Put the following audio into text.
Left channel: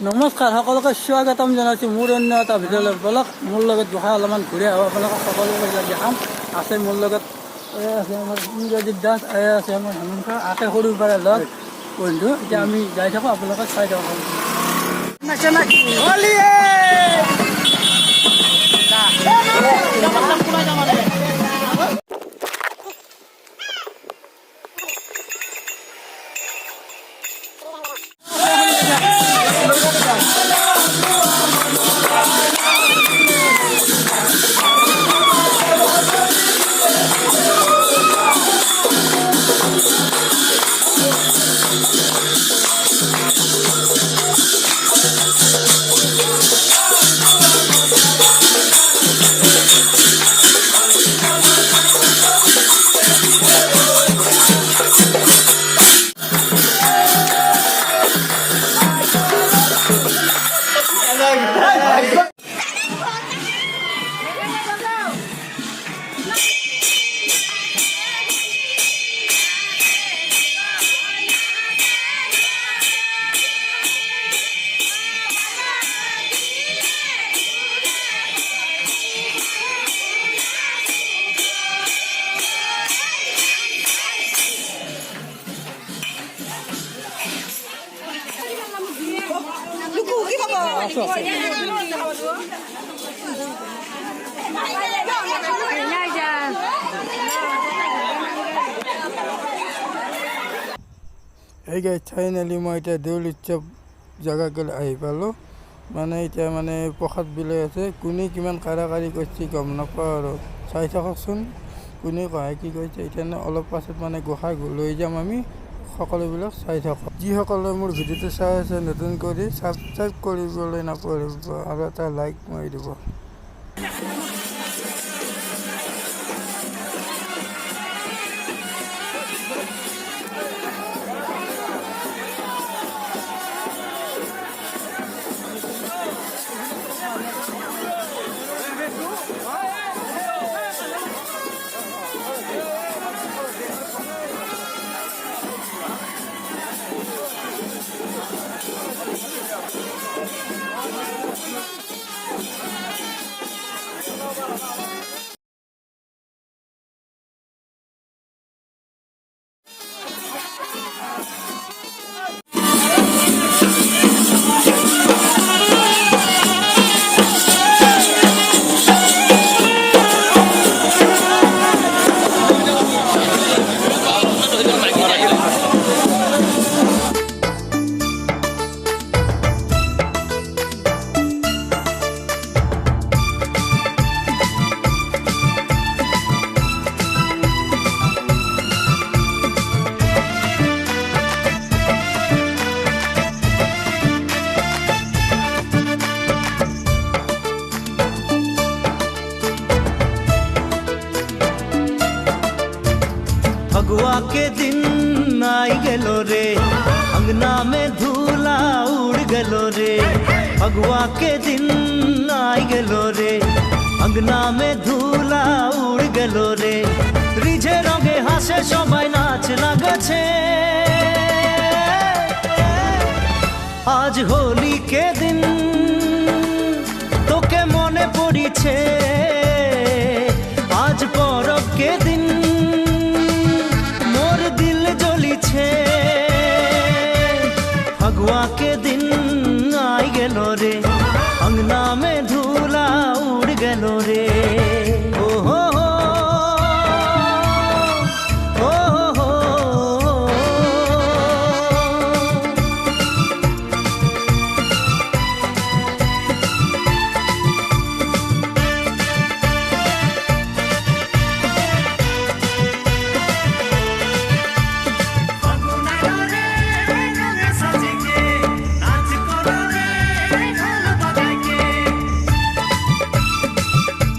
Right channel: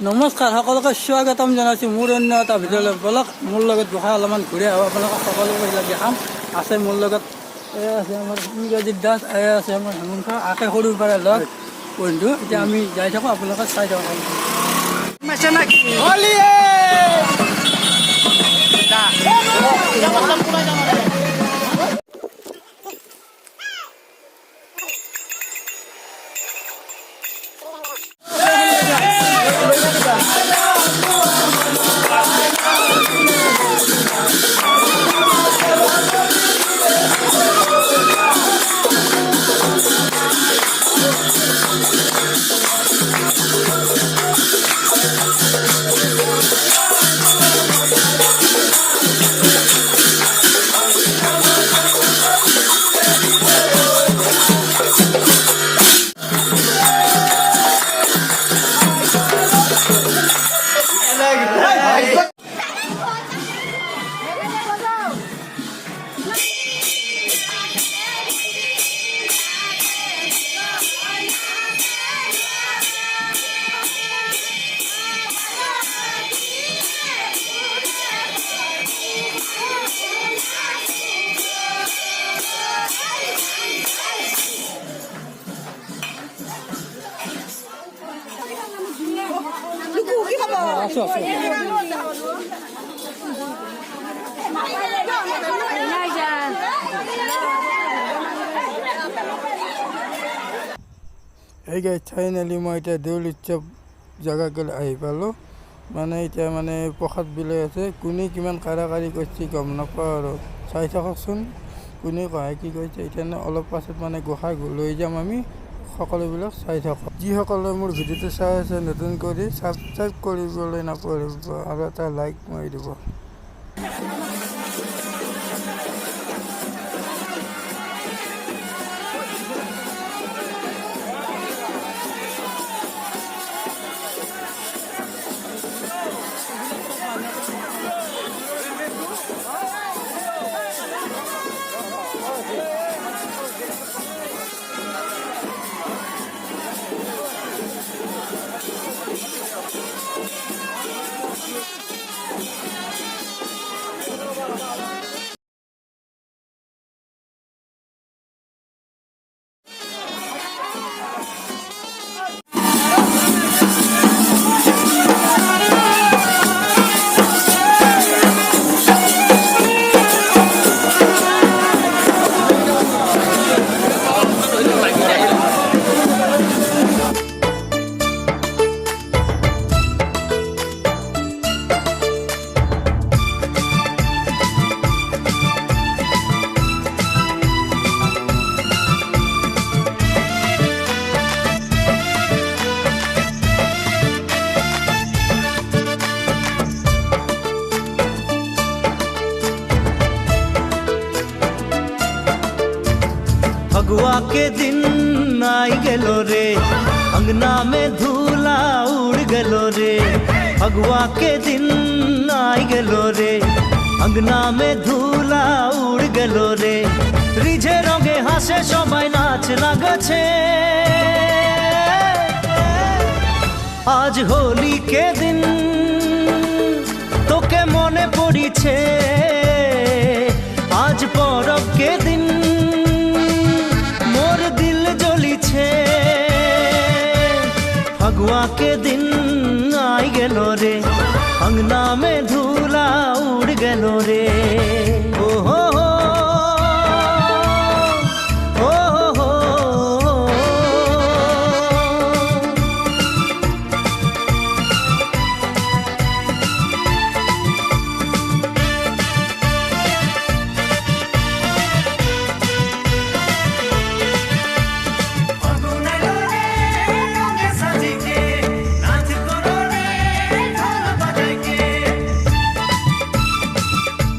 নমস্কাৰ সকলোকে স্বাগতম জনাইছোঁ মোৰ অন্য এটা ভিডিঅ'লৈ বলক মোৰ লগত বহাই অলপমান ঘূৰি আহোঁ আপোনালোকক সকলোকে দেখাম আছে মোৰ লগত আছে আমাৰ ইংৰাজী দাস আছে আমাৰ হেমন্ত আশে সৰুৰ পৰা লগ বন্ধু এতিয়া আমি যাই থাকোঁ আপোনালোকে চাই থাকক এই গাইজ ফাইনেলি মই এতিয়া দেউল উৎসৱ জেগালৈ আহি পালোঁ মানে এতিয়া মানে প্ৰসাদ বিলাই আছে কোনে কিমান কাৰাকাৰী কৰিছে গম নাপাওঁ আৰু চাই থাককচোন কোনে কয় কি কৰিছে এতিয়া অলপ পাছত মানে গোসাঁই লৈ যাম আমি সকলোবিলাক চাই থাকক যিসকলে মোৰ ভিডিঅ'টো চাই আছে নতুন কৰি ছাবস্ক্ৰাইব কৰিবলৈ নাপাহৰিব আৰু এটা লাইক মাৰি দিব फगुआ के दिन आई गेलो रे अंगना में धूला उड़ गेलो रे फगुआ के दिन आई गेलो रे अंगना में धूला उड़ गेलो रे रिझे रंगे हासे सबाई नाच लागछे आज होली के दिन तोके मने पड़िछे आज परब के दिन फगुआ के दिन आई गेलो रे अंगना में धूला उड़ गेलो रे